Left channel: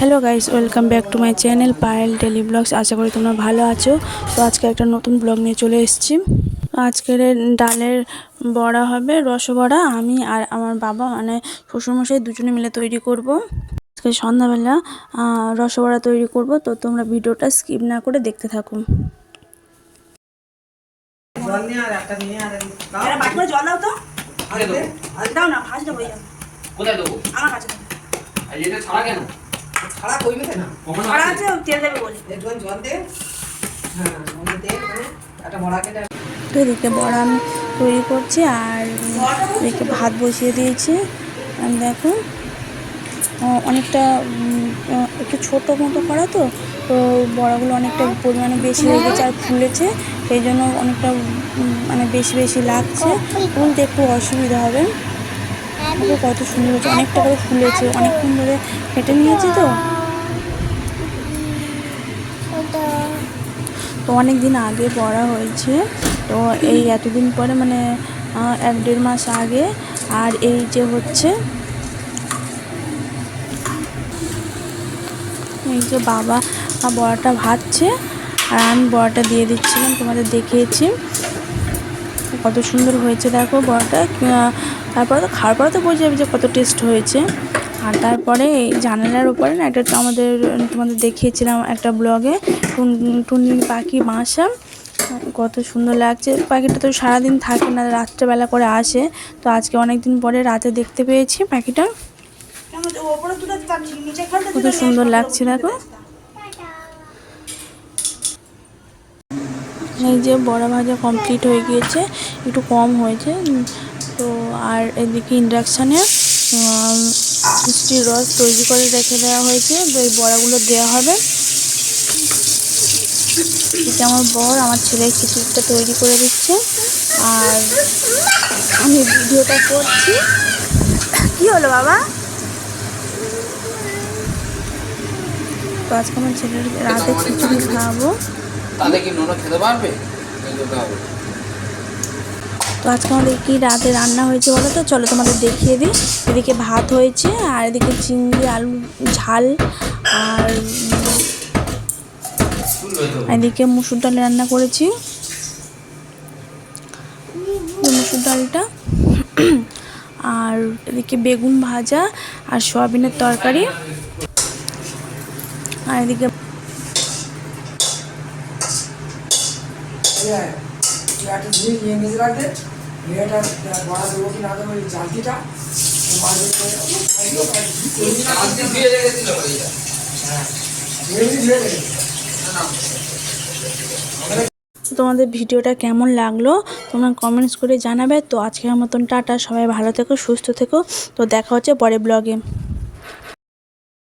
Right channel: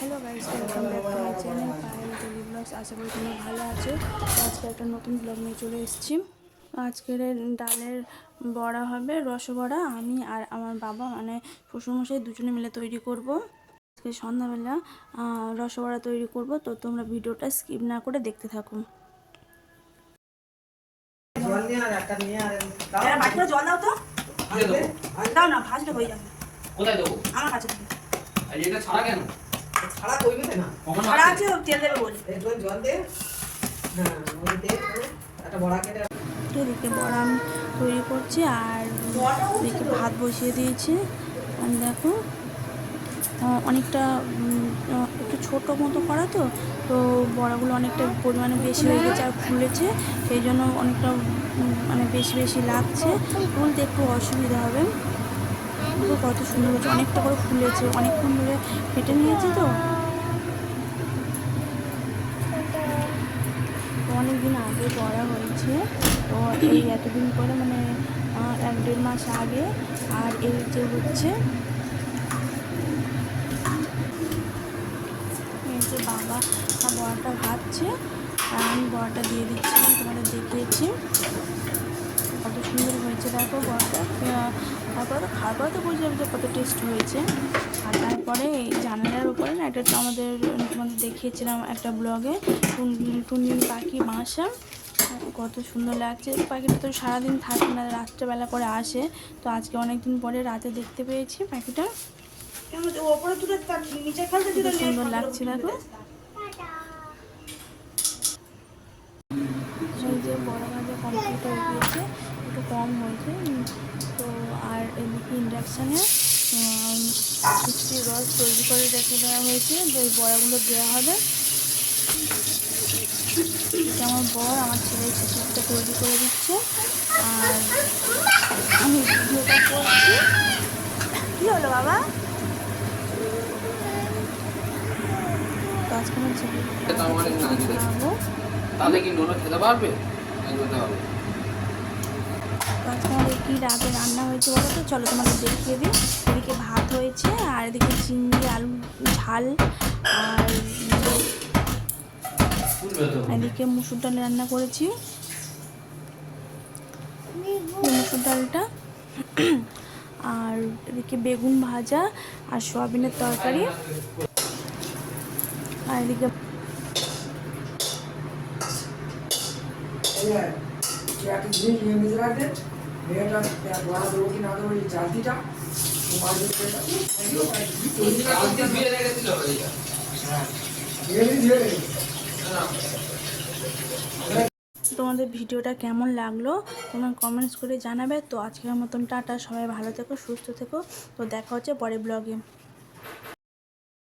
Hello guys, welcome back to my channel Payel daily vlogs. আশা করি তোমরা ভালো আছো। তো আজকে একটা নতুন ব্লগ নিয়ে চলে এসেছি। আজকের ডালের বড়া হবে, রসবড়া। আমি আর আমার বাবা মানে শ্বশুরমশাই দুজনে মিলে তৈরি করব। আজকে সন্ধ্যাবেলা রসবড়া তৈরি করব। তো তোমরা ভিডিওটা স্কিপ না করে দেখতে থাকো। ছাড়া কইবে না কখনো ছাড়া আছে তেল দেবে বলি একটু জল দে। হ্যাঁ ওই দে একটা বড়া কেটে। তো এদিকে বড়া আমি তৈরি করছি আর এদিকে ভাত বসিয়ে দিয়েছি। আর দেখো অনেকটা একটু ছোটো মতো করা, তো তো বড়াগুলো অনেকটা পরিমাণে বেশি হয়ে গেছে আর ফুলেছে, সেই জন্য অনেকটা মানে বেশি বেশি লাগছে। তুলতে একটু অসুবিধা হবে। কত সুন্দর হয়েছে, অনেকটা করে ফুলেছে, অনেকক্ষণ ধরে ফেটে নিয়েছে। তো অনেক দিন আগে বড়া হয়েছে, তো এই এতদিন পরে মানে 1-1.5 মাস আগে। আর এই যে হচ্ছে এই যে বাবা বড়াটা ভাজছে আর আমি বড়াটা দিয়ে দিচ্ছিলাম, তোমাদের দেখিয়েছি কত সুন্দর হয়েছে। দেখো বড়াটা, তারপরে তো খাওয়ার পরে তো বোঝা যাবে যে কত টেস্ট হয়েছে। আর তারপরে এই জানালার উপরে না একটা তোমাদের দেখিয়েছিলাম একটা ব্লগে, টুনটুনি পাখি বাসা, কত সুন্দর লাগছে। পাখিটা তো সারাদিন থাকে না, রাত্রেবেলা করে আসে। তো আজকে অনেক দিন পরে রাতে দেখতে পেয়েছি পাখিটা, কত সুন্দর লাগছে। দেখো এই যে বড়া ভাজা কমপ্লিট হয়ে গিয়েছে, একটু কম হয়েছে। তো আর এদিকে ইন্ডাকশানে মিষ্টির রস তৈরি করে রেখে দেওয়া হয়েছে, তো এই বড়াগুলো দেওয়া হবে। এদিকে আমার বর আমার ছেলের খিচুড়িটা তৈরি করে দিচ্ছে আর আমি ভিডিওটা করছি। কি হলো বাবা? তো আজকে আমার ছেলের রাতে খিচুড়ি খাওয়াবো। তো আজকে আমাদের কি রাতে রান্না হয়েছে বলো তো, চলো তোমাদের দেখিয়ে দিই। এদিকে ভাত হয়েছে আর এদিকে চিংড়ি আলু ঝাল, আর এদিকে মুসুর ডাল রান্না করেছি, মুসুর ডালটা। আর এদিকে বেগুন ভাজা আর সয়াবিনের তরকারি। আর এদিকে তোমাদের ভিডিওটা কেমন লাগলো তোমরা কমেন্টস করে জানাবে। তো আজকের মতন টাটা, সবাই ভালো থেকো, সুস্থ থেকো। তো দেখা হচ্ছে পরের ব্লগে।